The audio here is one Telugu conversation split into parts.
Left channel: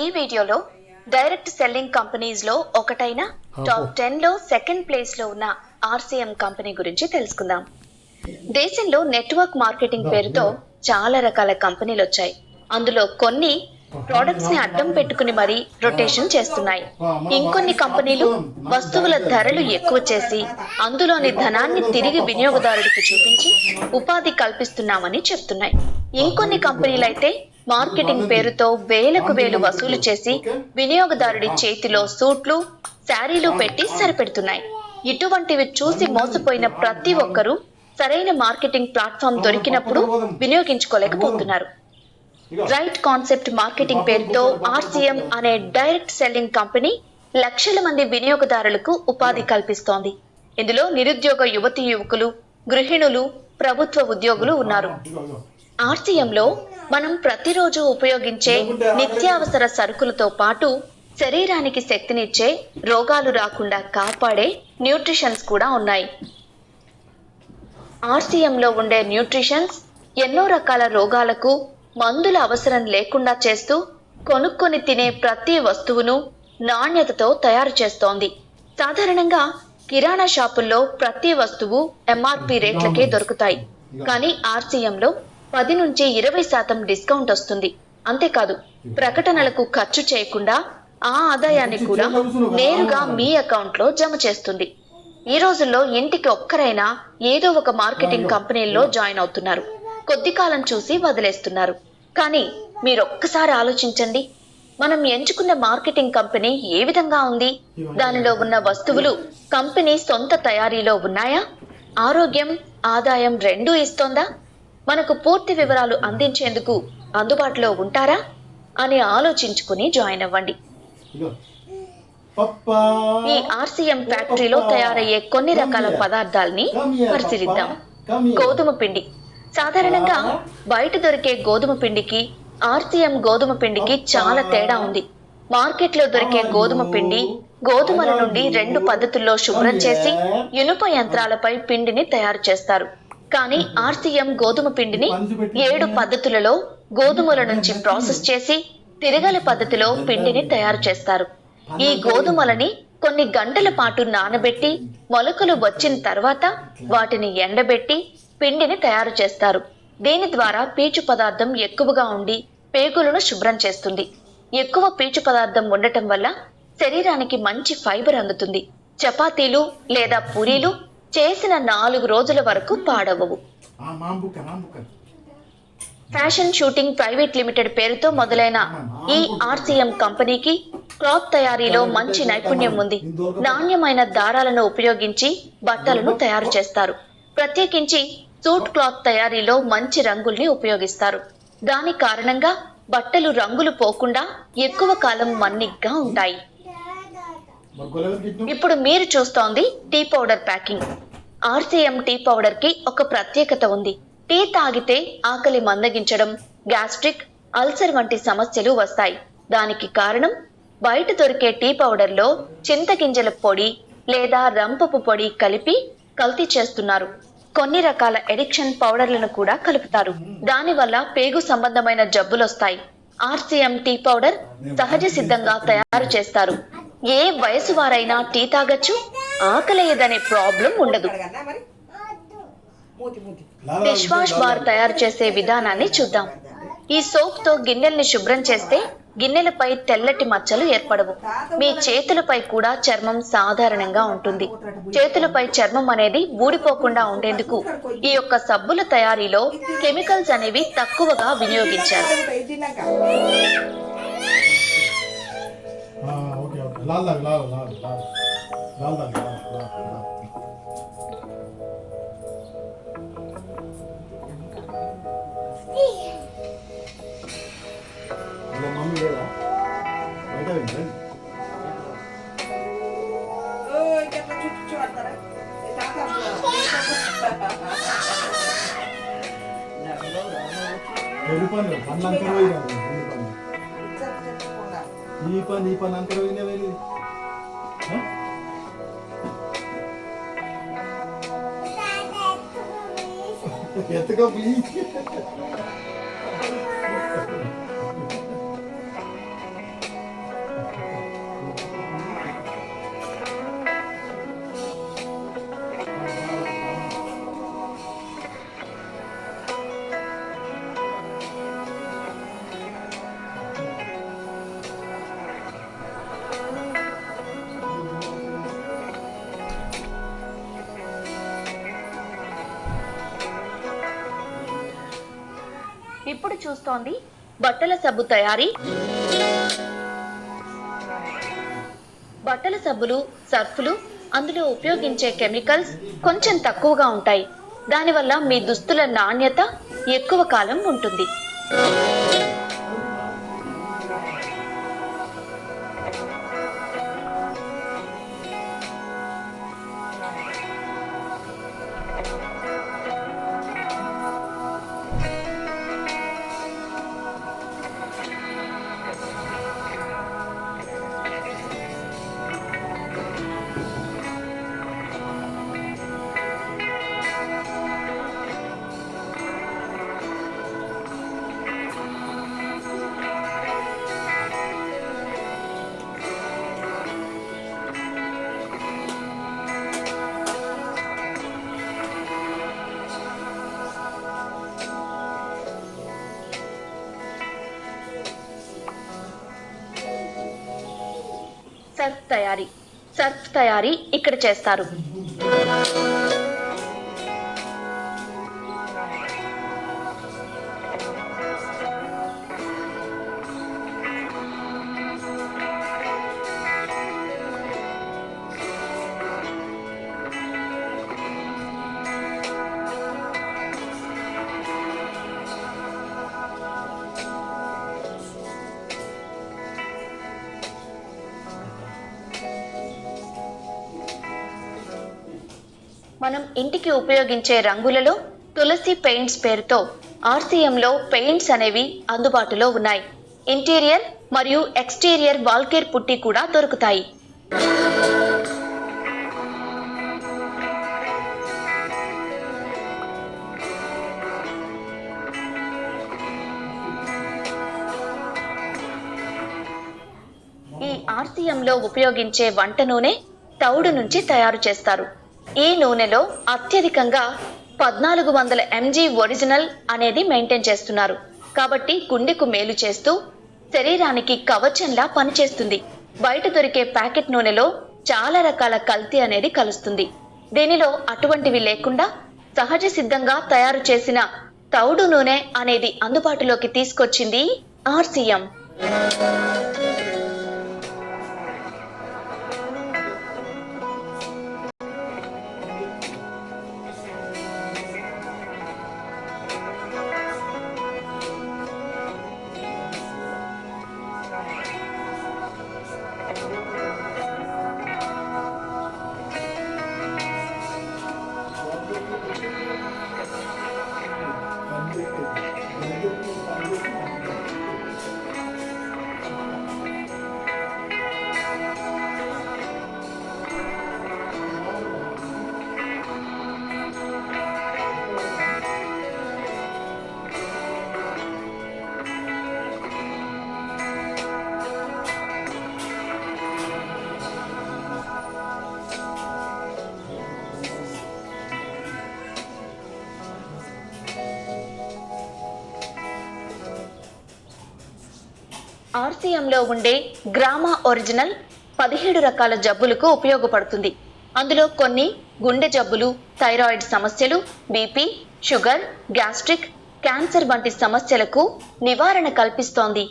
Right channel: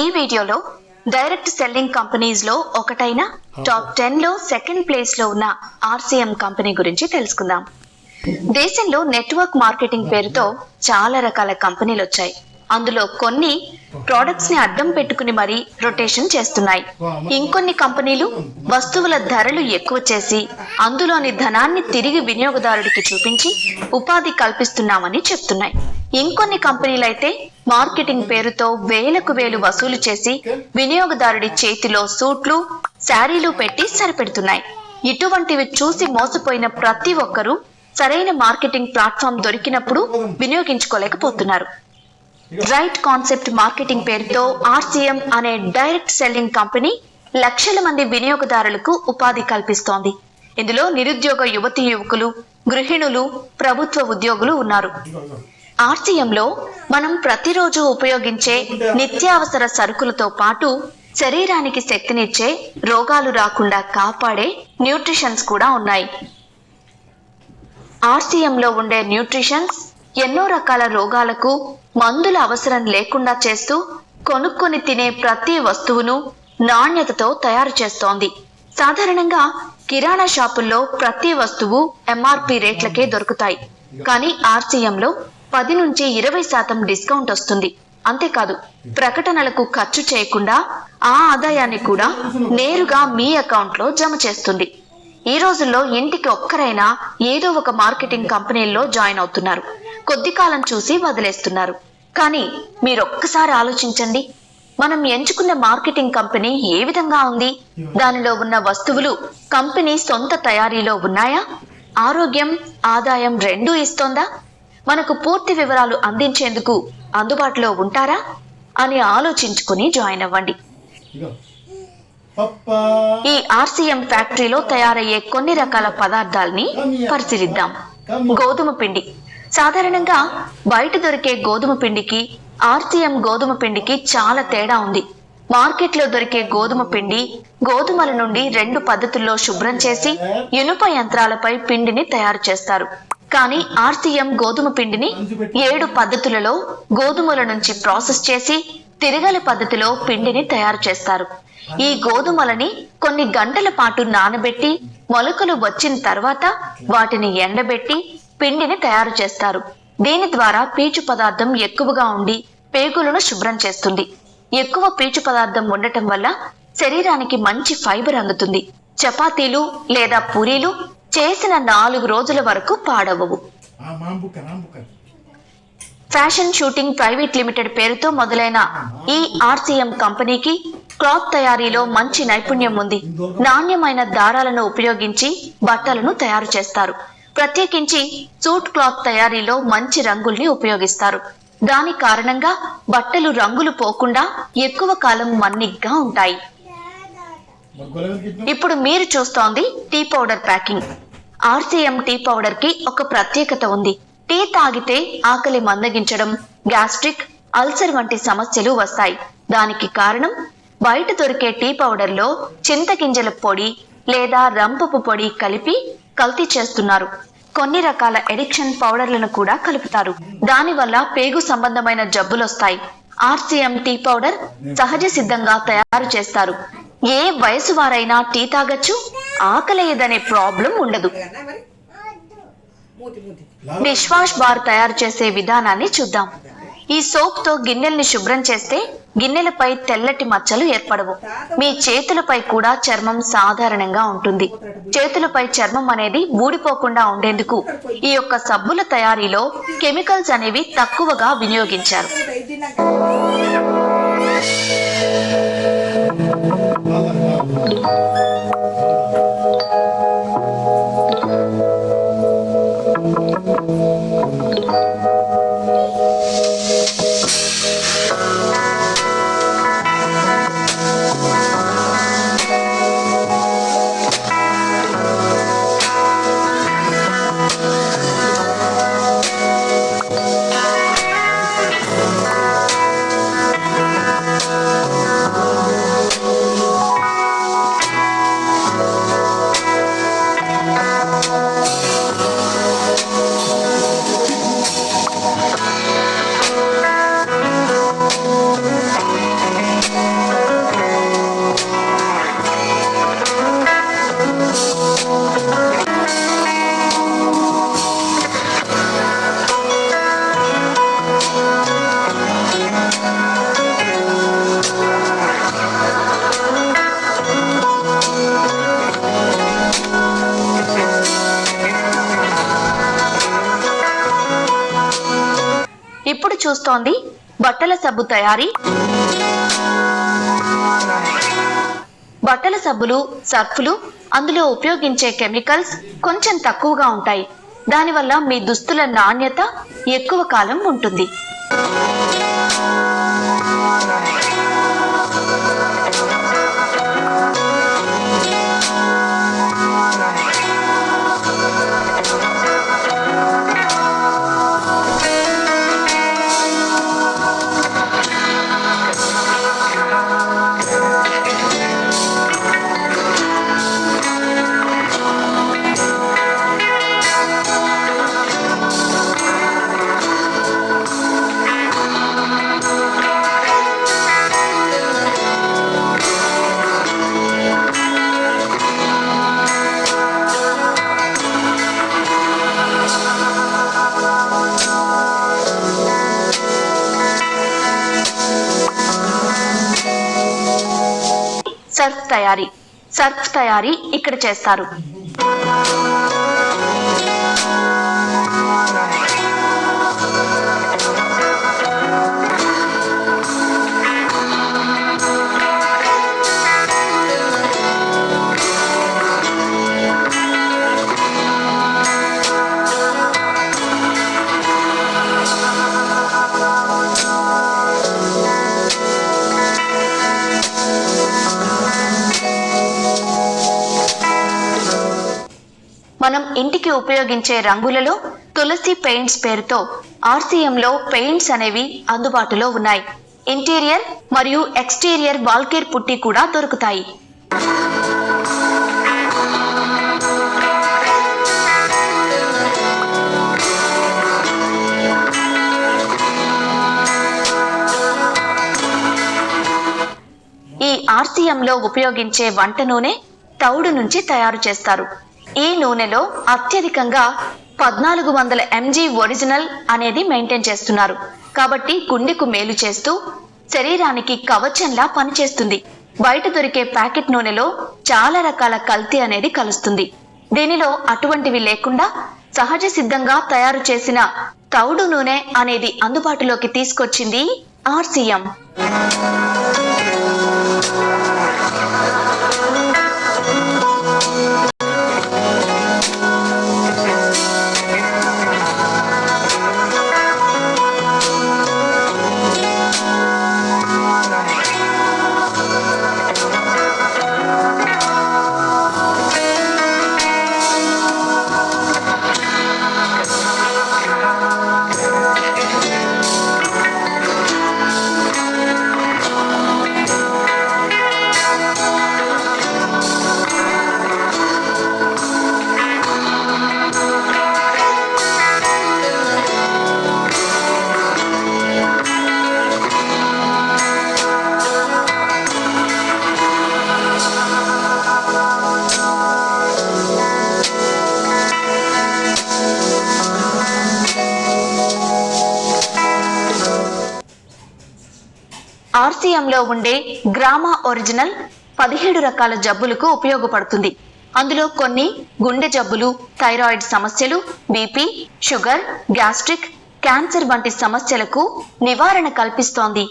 ఈ వీడియోలో డైరెక్ట్ సెల్లింగ్ కంపెనీస్ లో ఒకటైన టాప్ 10 లో సెకండ్ ప్లేస్ లో ఉన్న ఆర్సీఎం కంపెనీ గురించి తెలుసుకుందాం. దేశంలో నెట్వర్క్ మార్కెటింగ్ పేరుతో చాలా రకాల కంపెనీలు వచ్చాయి. అందులో కొన్ని ప్రొడక్ట్స్ ని అడ్డం పెట్టుకుని మరీ రొటేషన్ చేస్తున్నాయి. ఇంకొన్ని కంపెనీలు వస్తువుల ధరలు ఎక్కువ చేసి అందులోని ధనాన్ని తిరిగి వినియోగదారుడికి చూపించి ఉపాధి కల్పిస్తున్నామని చెప్తున్నాయి. ఇంకొన్ని కంపెనీలైతే మార్కెటింగ్ పేరుతో వేలకు వేలు వసూలు చేసి వినియోగదారుడి చేతిలో సూట్లు, శారీలు పెట్టి సరిపెడుతున్నాయి. ఇటువంటివి చూసి మోసపోయిన ప్రతి ఒక్కరూ సరైన మార్కెటింగ్ ప్లాట్ఫామ్ దొరికినప్పుడు వినియోగించుకోలేకపోతున్నారు. రైట్ కాన్సెప్ట్ మార్కెటింగ్ పేరుతో ఆర్సీఎం అనే డైరెక్ట్ సెల్లింగ్ కంపెనీ లక్షల మంది వినియోగదారులకు ఉపాధి కల్పిస్తోంది. ఇందులో నిరుద్యోగ యువతీ యువకులు, గృహిణులు, ప్రభుత్వ ఉద్యోగులు ఉన్నారు. ఆర్సీఎంలో మనం ప్రతిరోజు ఉపయోగించే నిత్యావసర సరుకులతో పాటు శరీరానికి శక్తినిచ్చే, రోగాలు రాకుండా కాపాడే న్యూట్రిషన్స్ కూడా ఉన్నాయి. ఆర్సీఎంలో ఉండే న్యూట్రిషన్స్ ఎన్నో రకాల రోగాలకు మందుల అవసరం లేకుండా చేస్తూ కొనుక్కొని తినే ప్రతి వస్తువును నాణ్యతతో తయారు చేస్తోంది. సాధారణంగా కిరాణా షాపుల్లో ప్రతి వస్తువు ఎంఆర్పి రేట్లకే దొరుకుతాయి. కానీ ఆర్సీఎంలో 10 నుంచి 20% డిస్కౌంట్ వస్తుంది. అంతేకాదు, ప్రకటనలకు ఖర్చు చేయకుండా ఆ ఆదాయాన్ని కూడా నేరుగా మీ అకౌంట్లో జమ చేస్తుంది. ఈ రోజుల్లో ఇంటికి ఒక్కరైనా ఏదో ఒక మార్కెటింగ్ కంపెనీల్లో జాయిన్ అవుతున్నారు. కొద్ది కాలం చూసి వదిలేస్తున్నారు. కానీ మీరొక్కసారి ఆలోచించండి, మనం ఎంచుకున్న మార్కెటింగ్ కంపెనీ ఏ విధంగా ఉంది? దానిలో ఉన్న వస్తువులు కంపెనీ సొంత తయారీలో ఉన్నాయా? ఆరోగ్యం, ఆదాయం రెండూ ఇస్తోందా? మనకు పూర్తి వివరాలు అందించేందుకు అందుబాటులో ఉంటారా అని ఆలోచించుకుని జాయిన్ అవ్వండి. ఈ ఆర్సీఎం ఫ్యాక్టరీలో తయారయ్యే కొన్ని రకాల పదార్థాలని పరిశీలిద్దాం. గోధుమ పిండి. సాధారణంగా బయట దొరికే గోధుమ పిండికి ఆర్సీఎం గోధుమ పిండికి చాలా తేడా ఉంది. మార్కెట్లో దొరికే గోధుమ పిండి గోధుమల నుండి 2 పద్ధతుల్లో శుభ్రం చేసి ఇనుప యంత్రాలపై పిండిని తయారు చేస్తారు. కానీ ఆర్సీఎం గోధుమ పిండిని 7 పద్ధతులలో గోధుమల నుంచి ప్రాసెస్ చేసి తిరగలి పద్ధతిలో పిండిని తయారు చేస్తారు. ఈ గోధుమలని కొన్ని గంటల పాటు నానబెట్టి మొలకలు వచ్చిన తర్వాత వాటిని ఎండబెట్టి పిండిని తయారు చేస్తారు. దీని ద్వారా పీచు పదార్థం ఎక్కువగా ఉండి పేగులను శుభ్రం చేస్తుంది. ఎక్కువ పీచు పదార్థం ఉండటం వల్ల శరీరానికి మంచి ఫైబర్ అందుతుంది. చపాతీలు లేదా పూరీలు చేసిన 4 రోజుల వరకు పాడవవు. ఫ్యాషన్ షూటింగ్ ప్రైవేట్ లిమిటెడ్ పేరుతో మొదలైన ఈ ఆర్సీఎం కంపెనీకి క్లాత్ తయారీలో మంచి నైపుణ్యం ఉంది. నాణ్యమైన దారాలను ఉపయోగించి బట్టలను తయారు చేస్తారు. ప్రత్యేకించి సూట్ క్లాత్ తయారీలో మంచి రంగుల్ని ఉపయోగిస్తారు. దాని కారణంగా బట్టలు రంగులు పోకుండా ఎక్కువ కాలం మన్నిగ్గా ఉంటాయి. ఇప్పుడు మీరు చూస్తోంది tea powder packing. RCM tea powder కి ఒక ప్రత్యేకత ఉంది. టీ తాగితే ఆకలి మందగించడం, గ్యాస్ట్రిక్, అల్సర్ వంటి సమస్యలు వస్తాయి. దానికి కారణం బయట దొరికే టీ పౌడర్ లో చింతగింజల పొడి లేదా రంపపు పొడి కలిపి కల్తీ చేస్తున్నారు. కొన్ని రకాల ఎడిక్షన్ పౌడర్లను కూడా కలుపుతారు. దానివల్ల పేగు సంబంధమైన జబ్బులొస్తాయి. ఆర్సీఎం టీ పౌడర్ సహజ సిద్ధంగా తయారు చేస్తారు. ఏ వయసు వారైనా టీ తాగొచ్చు, ఆకలేయదనే ప్రాబ్లం ఉండదు. డిష్ వాష్ బార్ తయారు చేసే విధానాన్ని చూద్దాం. ఈ సోప్ తో గిన్నెల్ని శుభ్రం చేస్తే గిన్నెలపై తెల్లటి మచ్చలు ఏర్పడవు. మీ చేతులపై కూడా చర్మం సాధారణంగా ఉంటుంది. చేతులపై చర్మం అనేది ఊడిపోకుండా ఉండేందుకు ఈ యొక్క సబ్బుల తయారీలో కెమికల్స్ అనేవి తక్కువగా వినియోగించారు. చూస్తోంది బట్టల సబ్బు తయారీ. బట్టల సబ్బులు, సర్ఫులు, అందులో ఉపయోగించే కెమికల్స్ కొంచెం తక్కువగా ఉంటాయి. దానివల్ల మీ దుస్తుల నాణ్యత ఎక్కువ కాలం ఉంటుంది. సర్ఫ్ తయారీ ఇక్కడ చేస్తారు. మనం ఇంటికి ఉపయోగించే రంగులలో తులసి పెయింట్స్ పేరుతో ఆర్సీఎంలో పెయింట్స్ అనేవి అందుబాటులో ఉన్నాయి. ఇంటీరియర్ మరియు ఎక్స్టీరియర్ వాల్కేర్ పుట్టి కూడా దొరుకుతాయి. ఈ ఆర్సీఎంలో ఉపయోగించే వంట నూనె తౌడు నుంచి తయారు చేస్తారు. ఈ నూనెలో అత్యధికంగా 1400 mg ఒరిజినల్ అనేది మెయింటైన్ చేస్తున్నారు. కాబట్టి గుండెకు మేలు చేస్తూ శరీరానికి కవచంలా పనిచేస్తుంది. బయట దొరికే ప్యాకెట్ నూనెలో చాలా రకాల కల్తీ అనేది కలుస్తుంది. దీనిలో అటువంటివి లేకుండా సహజ సిద్ధంగా తయారు చేసిన తౌడు నూనె అనేది అందుబాటులోకి తీసుకొచ్చింది ఆర్సీఎం. ఆర్సీఎంలో ఉండే గ్రామా ఒరిజినల్ 17 రకాల జబ్బులకు ఉపయోగపడుతుంది. అందులో కొన్ని గుండె జబ్బులు, థైరాయిడ్ సమస్యలు, బీపీ, షుగర్, గ్యాస్ట్రిక్, క్యాన్సర్ వంటి సమస్యలకు నివారణ కల్పిస్తోంది.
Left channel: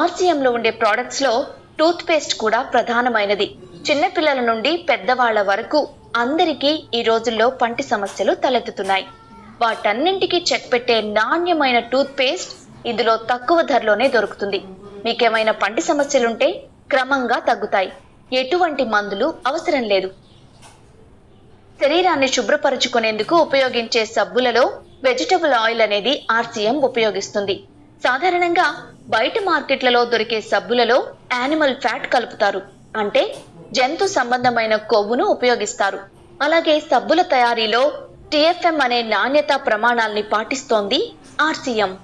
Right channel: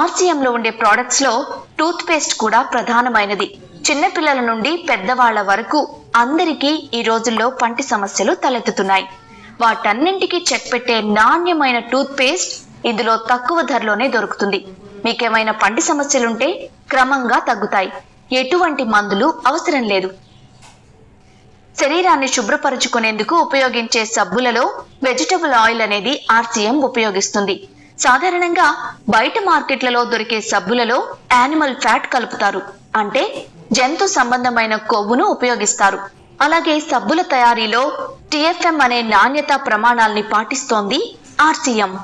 ఆర్సీఎంలో ఉండే ప్రొడక్ట్స్ లో టూత్ పేస్ట్ కూడా ప్రధానమైనది. చిన్నపిల్లల నుండి పెద్దవాళ్ల వరకు అందరికీ ఈ రోజుల్లో పంటి సమస్యలు తలెత్తుతున్నాయి. వాటన్నింటికి చెక్ పెట్టే నాణ్యమైన టూత్ పేస్ట్ ఇందులో తక్కువ ధరలోనే దొరుకుతుంది. మీకేమైనా పంటి సమస్యలుంటే క్రమంగా తగ్గుతాయి. ఎటువంటి మందులు అవసరం లేదు. శరీరాన్ని శుభ్రపరుచుకునేందుకు ఉపయోగించే సబ్బులలో వెజిటబుల్ ఆయిల్ అనేది ఆర్సీఎం ఉపయోగిస్తుంది. సాధారణంగా బయట మార్కెట్లలో దొరికే సబ్బులలో యానిమల్ ఫ్యాట్ కలుపుతారు, అంటే జంతు సంబంధమైన కొవ్వును ఉపయోగిస్తారు. అలాగే సబ్బుల తయారీలో TFM అనే నాణ్యతా ప్రమాణాల్ని పాటిస్తోంది ఆర్సీఎం.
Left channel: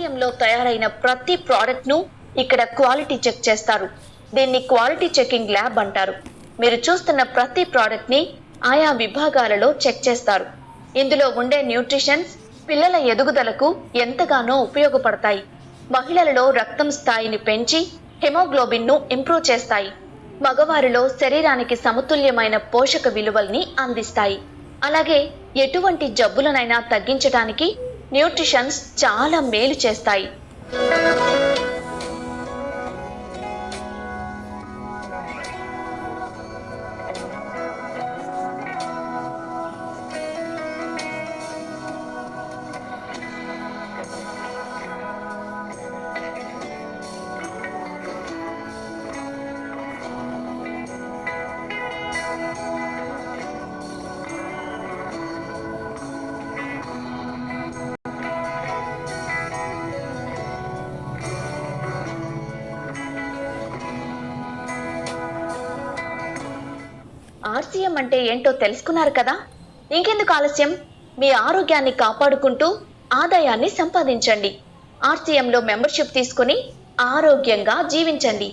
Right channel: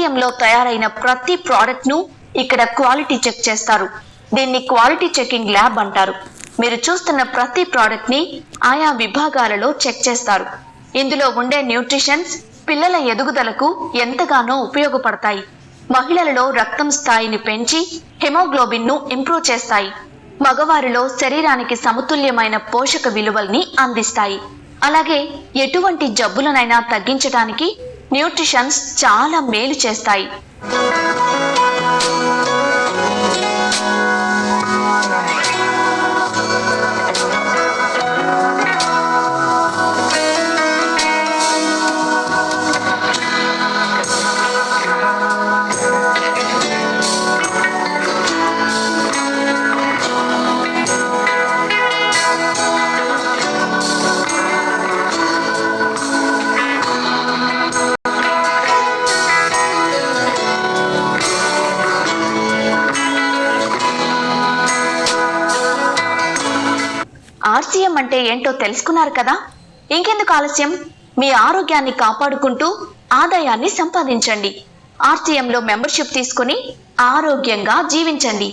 ఆర్సీఎంలో తయారైన ప్రతి ప్రోడక్ట్ ను ఇక్కడ క్వాలిటీ చెక్ చేస్తారు. దీన్ని క్వాలిటీ చెకింగ్ ల్యాబ్ అంటారు. మీరు చూస్తున్న ప్రతి ప్రోడక్ట్ ని ఆయా విభాగాలలో చెక్ చేస్తారు. ఇందులో ఉండే న్యూట్రిషన్స్ పిల్లల ఎదుగుదలకు ఎంతగానో ఉపయోగపడతాయి. మహిళలలో రక్తం స్థాయిని పెంచి హెమోగ్లోబిన్ ను ఇంప్రూవ్ చేస్తాయి. మగవారిలో శరీరానికి సమతుల్యమైన పోషక విలువల్ని అందిస్తాయి. అలాగే ఎటువంటి జబ్బులనైనా తగ్గించడానికి న్యూట్రిషన్స్ చాలా మేలు చేస్తాయి. ఆర్సీఎం అంటే ఏంటో తెలుసుకున్నారు కదా? ఇంకెందుకు ఆలస్యం? మీ ఆరోగ్యాన్ని కాపాడుకుంటూ ఆదాయాన్ని సంపాదించండి. ఆర్సీఎంలో మెంబర్షిప్ తీసుకుని ఆరోగ్యంగా జీవించండి.